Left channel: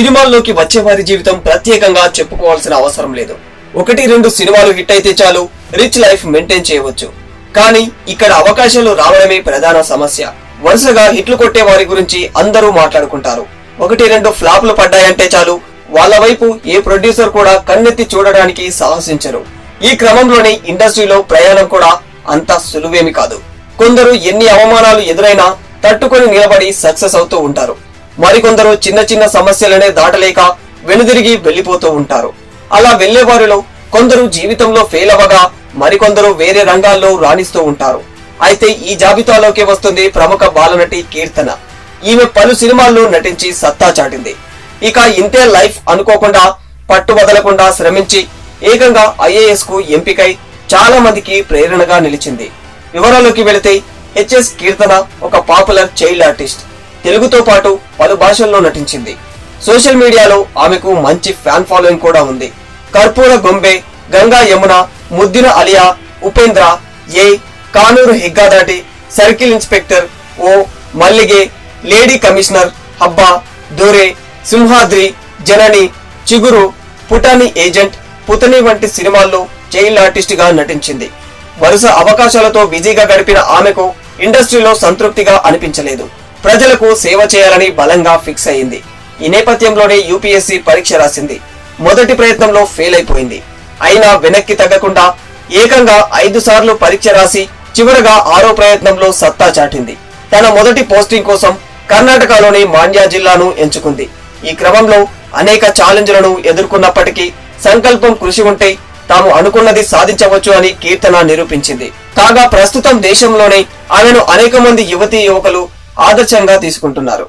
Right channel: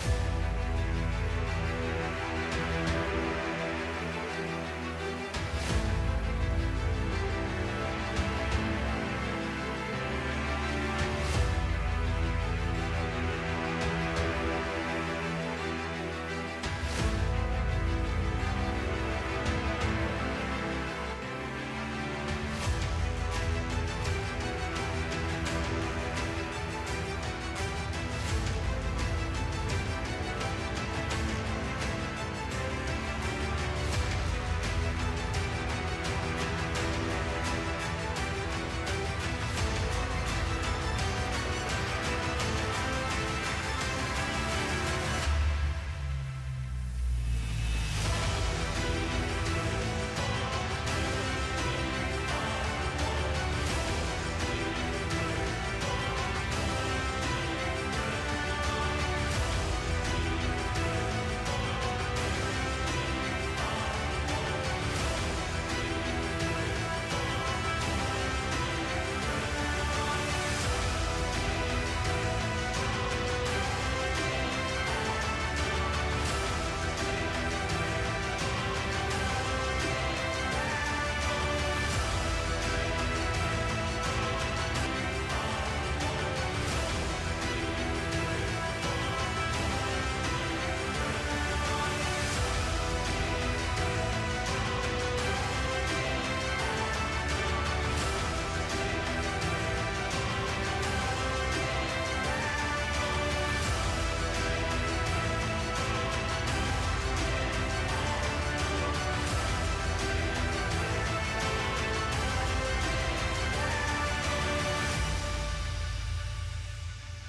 సినిమాల్లోకి వచ్చే వారి జీవితం ప్రత్యేకంగా చెప్పుకోవాల్సిన అవసరం లేదు. 1-2 సినిమాలు హిట్ అయితే చాలు, రిచ్ లైఫ్ మెయింటైన్ చేయవచ్చు. కానీ ఇక్కడ అవకాశాలు రావడమే ప్రధాన సమస్య. వరుసగా హిట్లు కొట్టే వారి గురించి అందరూ మాట్లాడుకుంటారు. 1-2 ఫ్లాప్లు పడ్డాయంటే చాలు, వాళ్ళ వైపు ఏ ప్రొడ్యూసర్ కూడా కన్నెత్తి చూడడానికి సాహసించరు. ఈ క్రమంలోనే ఇండస్ట్రీలో ప్రయాణం కూడా అంత సులువేమి కాదు. కొందరు ఎన్ని అవమానాలు ఎదురైనా తట్టుకొని నిలబడి సక్సెస్ అవుతూ ఉంటారు. మరికొందరు చిన్న చిన్న సమస్యలనే దాటలేక వెనుదిరిగి వెళ్లిపోతూ ఉంటారు. అలా వెళ్లే వారిలో కొందరు జీవితంలో ఫెయిల్ అవ్వగా మరికొందరు వేరే రంగాల్లో రాణిస్తూ ఉంటారు. అయితే ఈ జాబితాలోకి వస్తుంది ప్రముఖ బాలనటి కీర్తన. ఈమె పలు సినిమాల్లో నటించి సత్తా చాటింది. ఇక ఇంతే లైఫ్ అనుకోకుండా పట్టు వదలకుండా శ్రమించి ఏకంగా IAS కు ఎంపికై చాలా మందికి ప్రేరణగా నిలిచింది. వివరాల్లోకి వెళితే హెచ్ఎస్ కీర్తన ఒక పాపులర్ చైల్డ్ ఆర్టిస్ట్. తెలుగుతో పాటు పలు భాషల్లో నటించింది. సోషల్ మీడియాలో ఆమెకు మంచి ఫ్యాన్ ఫాలోయింగ్ కూడా ఉంది. కర్పూర గొంబె, గంగా యమున, ముద్దిన అలియా, ఉపేంద్ర, ఏ, కానూరు హిగ్గాదాటి, సర్కిల్ ఇన్స్పెక్టర్, ఓ, మల్లిగే, లేడీ కమిషనర్, హబ్బా, దొరే, సింహాద్రి, జనని, చిగురు, పుటాని ఏజెంట్, పుతని వంటి సినిమాల్లో చైల్డ్ ఆర్టిస్ట్ గా నటించింది. వరుస అవకాశాలతో బిజీగా గడిపిన ఆమెకు ఇండస్ట్రీలో సంతృప్తిగా అనిపించలేదు. ప్రజలకు సేవ చేయాలని బలంగా ఫిక్స్ అయింది. ఈ నేపథ్యంలోనే UPSC పరీక్ష రాసింది. మొదటి ప్రయత్నంలో ఫెయిల్ అయిపోయింది. అయినా వెనక్కి తగ్గకుండా ఏకంగా 5 సార్లు పరీక్ష రాసి చివరగా 6వ ప్రయత్నంలో సత్తా చాటింది. తన మొదటి పోస్టింగ్ కోసం కర్ణాటకలోని మాండ్య జిల్లాను ఎంచుకుంది. ఈ క్రమంలో అనేక ఛాలెంజ్లను ఎదుర్కొన్నప్పటికీ సంకల్పం, కృషి ఉంటే తాము అనుకున్నది సాధించవచ్చు అని కీర్తన నిరూపించింది. కాగా ప్రస్తుతం దేశంలోనే ఆమెను అనేక మంది యువతీ యువకులు ఆదర్శంగా తీసుకుంటున్నారు.